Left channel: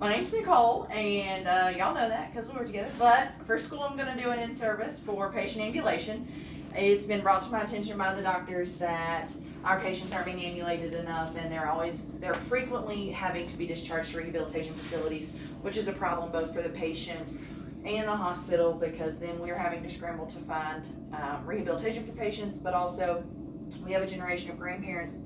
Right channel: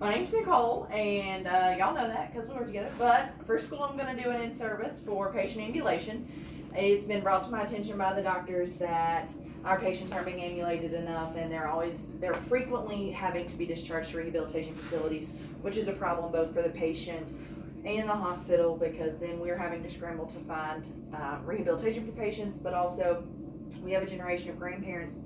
My name's Nicole, and y'all know that because we were together. But for school, I'm going to do an in-service for patient ambulation. It's been brought to my attention by the doctors that our patients aren't being ambulated enough, and they're frequently having to be discharged to rehabilitation facilities, which is a problem both for the patient and the hospital, because then we're having to scramble to find rehabilitation for patients, but also we have a generation of grandparents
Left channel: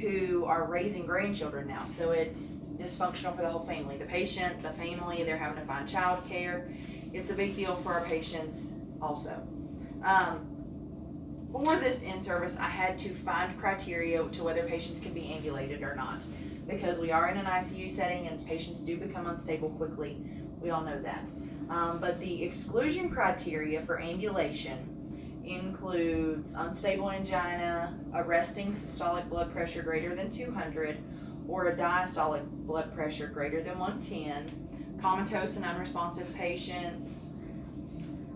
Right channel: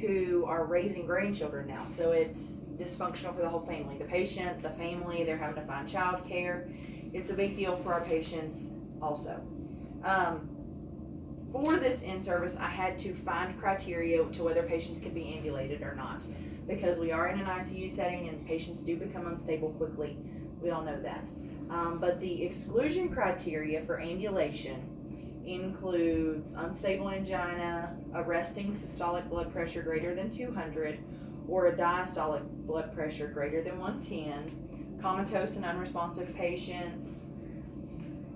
who are raising grandchildren now, so it's dysfunctional for the whole family. The patient, the family, they're having to find child care. It's a big deal for our patients also. For this in-service, I had to find criteria to whether patients can be ambulated or not, because we are in an ICU setting and patients do become unstable quickly. We all know that. But the exclusion criteria for ambulation includes unstable angina, a resting systolic blood pressure greater than 200, or a diastolic blood pressure greater than 110, comatose and unresponsive patients,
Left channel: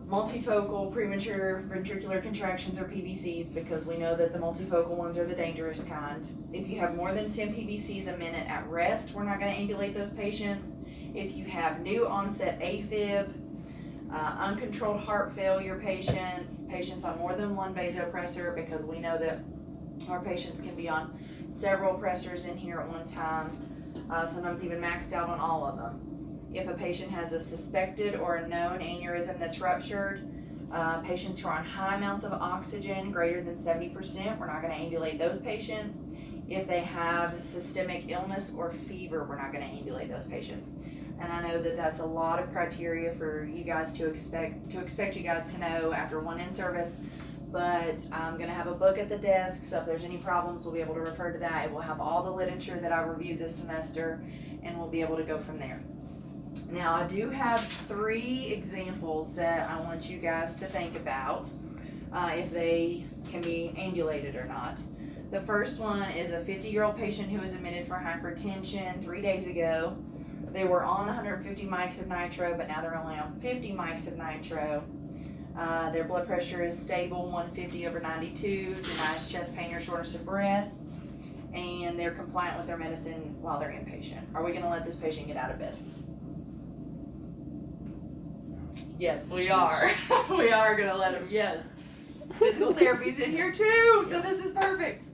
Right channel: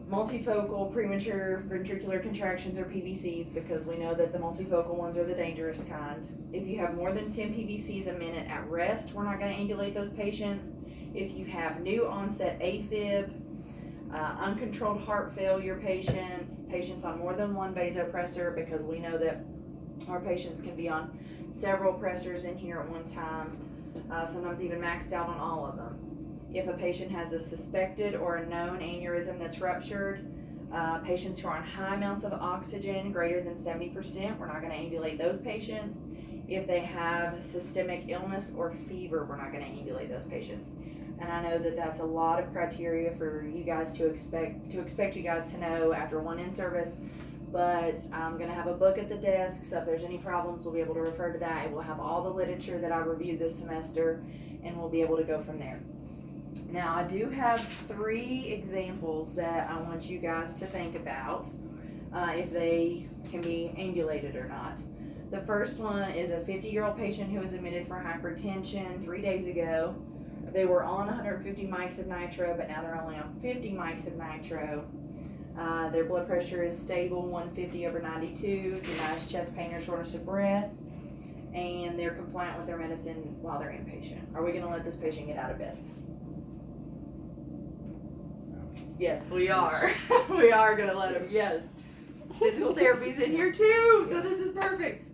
multifocal premature ventricular contractions or PVCs, because we know that the multifocal ones are the dangerous kind. If you have more than 10 PVCs a minute at rest, we're not going to ambulate those patients. If you have new onset AFib, uncontrolled heart failure patients, patients on more than one vasopressor, because we know that our patients can be on several pressors in here at one time, sometimes even maxed out on all of them. If a patient has a suspected or a known aneurysm that's ruptured, patients who are on high amounts of oxygen, greater than 70%, we're not going to ambulate those patients. If they have systemic illness or fever, we're not going to ambulate those patients. And I know that that's a lot of criteria for you guys to expect you guys to know after one in-service, but I'm going to have a book at the desk, so if there's any problems, we'll be able to refer to that. It will have all the literature that I reviewed this semester, and we'll be able to go from there. Now, I do have 3 examples that I want you guys to think about if they can be ambulated or not. The first one is a 50-year-old patient who was admitted for hypertension 3 days ago. They were on 150 mics of nitro, but now they're only on 50 mics of nitro. Their blood pressure is stable, 150/92, denies chest pain or shortness of breath, and they're compliant with their medicine while they're inpatient. Are we going to let this patient get out of bed? Yes, we are. We are going to let him, yes. Physical therapy's in here too, so this is perfect.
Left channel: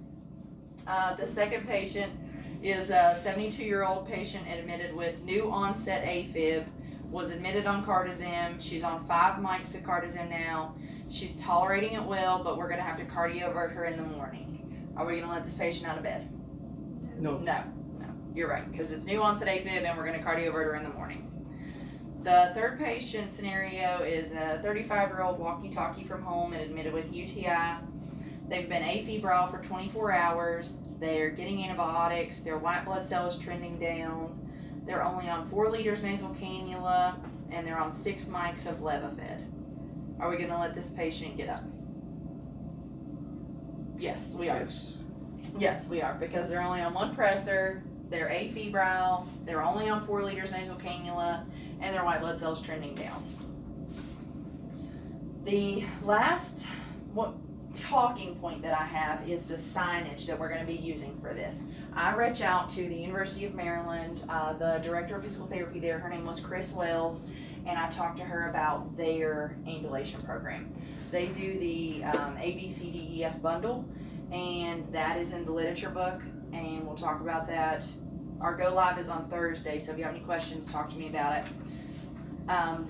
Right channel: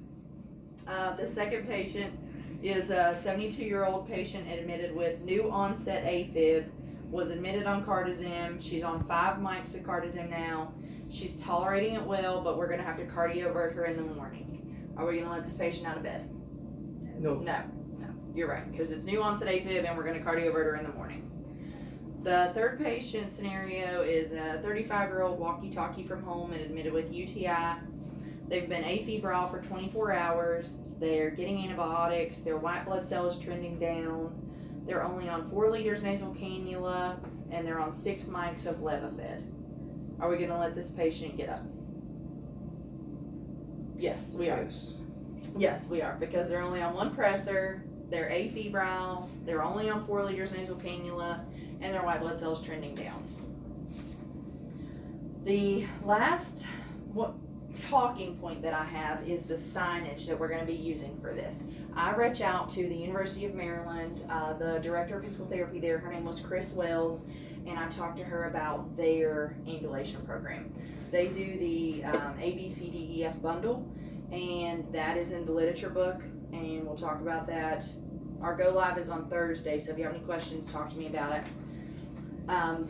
The second patient is a 72-year-old patient admitted with new onset AFib, was admitted on cardizem. She's on 5 mics of cardizem now. She's tolerating it well, but we're going to have to cardiovert her in the morning. Are we going to let this patient out of bed? No. No, you're right, because it's new onset AFib and we're going to cardiovert her in the morning. The third patient scenario is a 35-year-old walkie-talkie from home and admitted with UTI. They've been afebrile for 24 hours. They're getting antibiotics. Their white blood cell is trending down. They're only on 4 liters nasal cannula, and they're on 6 mics of Levophed. Are we going to let this patient get up? Yes, we are. Yes, we are, because they're only on 1 pressor. They're afebrile. They're only on 4 liters nasal cannula, and their white blood cell is trending down. The last talking point that I have is the signage that we're going to be using for this. I reached out to the University of Maryland, the director of physical therapy there, her name was Chris Wells, and I talked to her about their ambulation program. They do the ABCDEF bundle, and that is in the literature book, and we'll talk about that. Our go live is on Thursday, so if you have any questions, talk to me about it.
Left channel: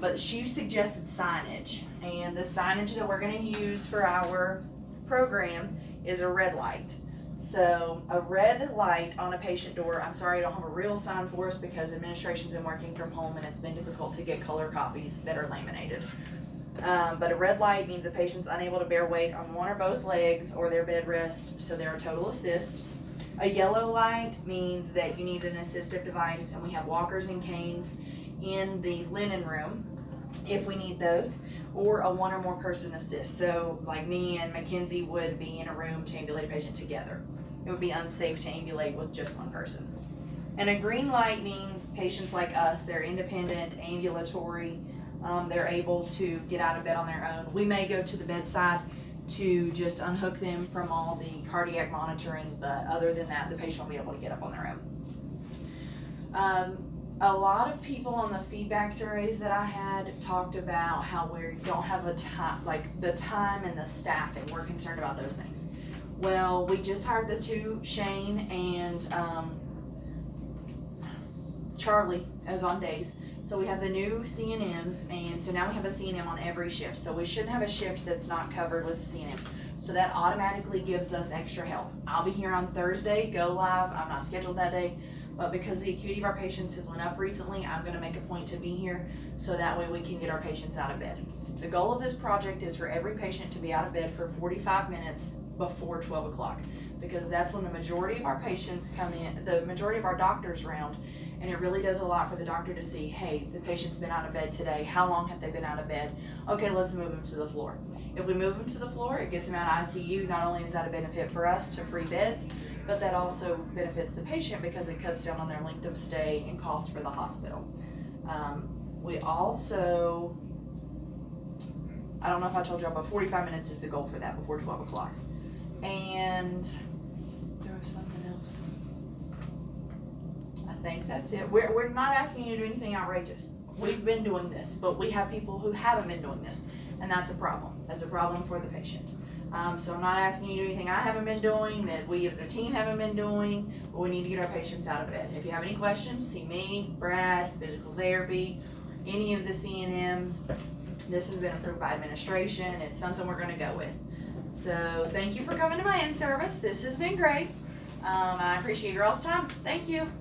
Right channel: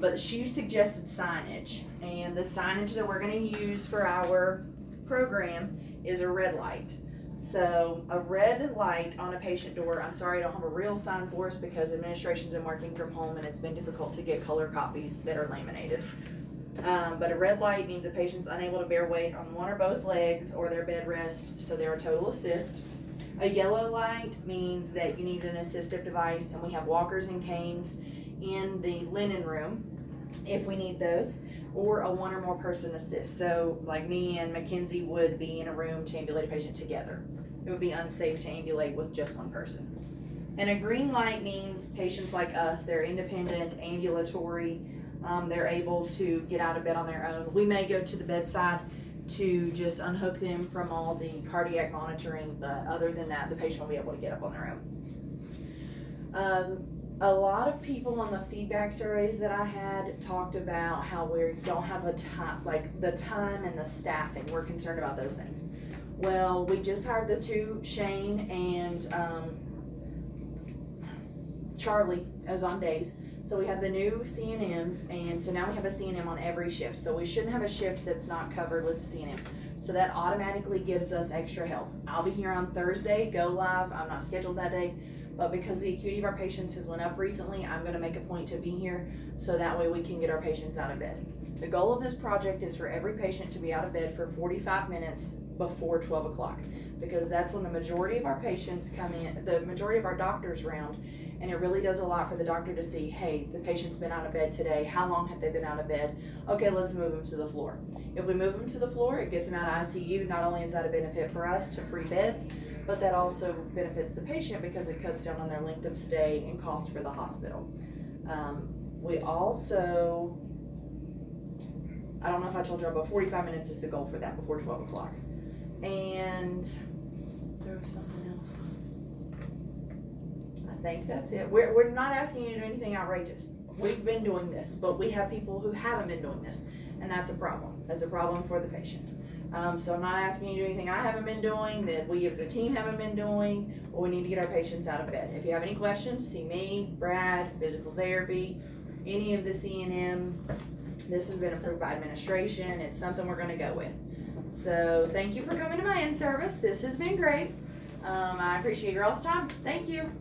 But she suggested signage, and the signage that we're going to use for our program is a red light. So a red light on a patient door. I'm sorry I don't have a real sign for us because administration's been working from home and it's been difficult to get color copies that are laminated. But a red light means a patient's unable to bear weight on one or both legs or their bed rest, so they're a total assist. A yellow light means that you need an assistive device, and we have walkers and canes in the linen room if we need those, or a 1 or more person assist. So like me and Mackenzie would be in a room to ambulate a patient together. It would be unsafe to ambulate with just 1 person. And a green light means patients like us, they're independent, ambulatory, they're able to get out of bed on their own. We may go to the bedside to just unhook them from all the cardiac monitoring, but other than that, the patient will be able to get up on their own. A lot of people on the feedback surveys that I had talked about how we don't have a time, like the time and the staffing. We're concerned about those things. Well, we just hired the two, Shane and Charlie, as on days. So we have the new CNMs, and so now we have a CNM on every shift. So we shouldn't have a shift that's not covered with CNM. So that automatically gives us extra help. I'll be here on Thursday, go live. I'm not scheduled that day. But because the acuity of our patients has went up recently, I'm gonna make a point to be here so that way we can get our patients out of bed. The goal of this project is for every patient to be out of bed for 45 minutes before 12 o'clock, because that's when the majority of our patients come in, the majority of our doctors round, and it really does a lot for the doctor to see, hey, the patient's been out of bed today, how long have they been out of bed? Okay, let's move them to the floor. If we move them to the floor, it gets them out of ICU. Not only is that a benefit for us to free beds, but that also benefits the patient because it cuts down on their length of stay and cost for the hospital. We also, I don't know if I told y'all, but 45 minutes is the goal for that before 12 o'clock. And there was something else. I think that's it. We're not asking you to do anything outrageous. We've been doing this, but we have people who haven't been doing this, and that's a problem. That's a problem for the patient. So I'm not asking you to do anything I haven't been doing, that we as a team haven't been doing, but we need to get our patients out of bed. If you have any questions, see me, Brad, physical therapy, any of the CNMs. This has been approved by administration. It's something we're gonna go with. So thank you for coming to my in-service. This has been great. I appreciate your all's time. Thank you.